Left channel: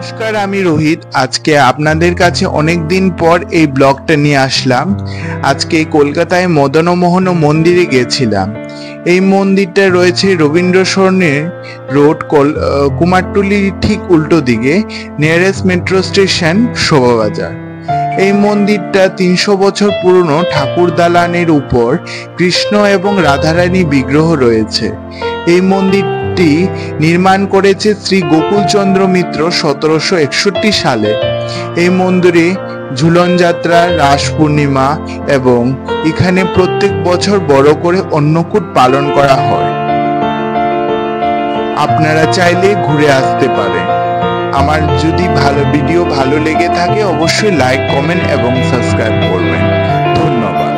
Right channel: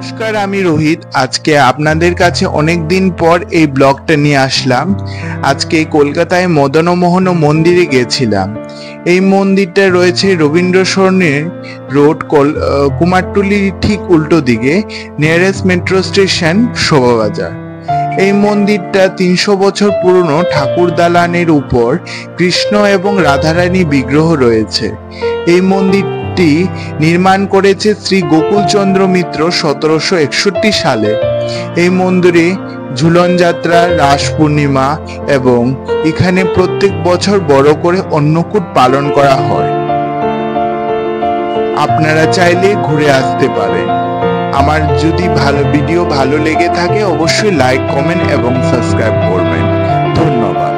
নমস্কার, আমি রোহিত। আজকে আপনাদের কাছে অনেক দিন পর এই ব্লগটা নিয়ে আসলাম। আজকে কলকাতায় মদনমোহন মন্দিরে গেছিলাম। এই মন্দিরটা রয়েছে রবীন্দ্র সরণির রোড, কুমারটুলির ঠিক উল্টো দিকে, নিয়ারেস্ট মেট্রো স্টেশন শোভাবাজার। এই মন্দিরটা 300 বছর পুরনো। ঠাকুর দালানের উপর কৃষ্ণ এবং রাধারানী বিগ্রহ রয়েছে। এই মন্দিরটি নির্মাণ করেছে শ্রী গোকুলচন্দ্র মিত্র 1761 সালে। এই মন্দিরে ঝুলন যাত্রা, রাস পূর্ণিমা এবং এখানে প্রত্যেক বছর বড় করে অন্নকূট পালন করা হয়। আপনারা চাইলে ঘুরে আসতে পারেন। আমার যদি ভিডিও ভালো লেগে থাকে অবশ্যই লাইক, কমেন্ট এবং সাবস্ক্রাইব করবেন। ধন্যবাদ।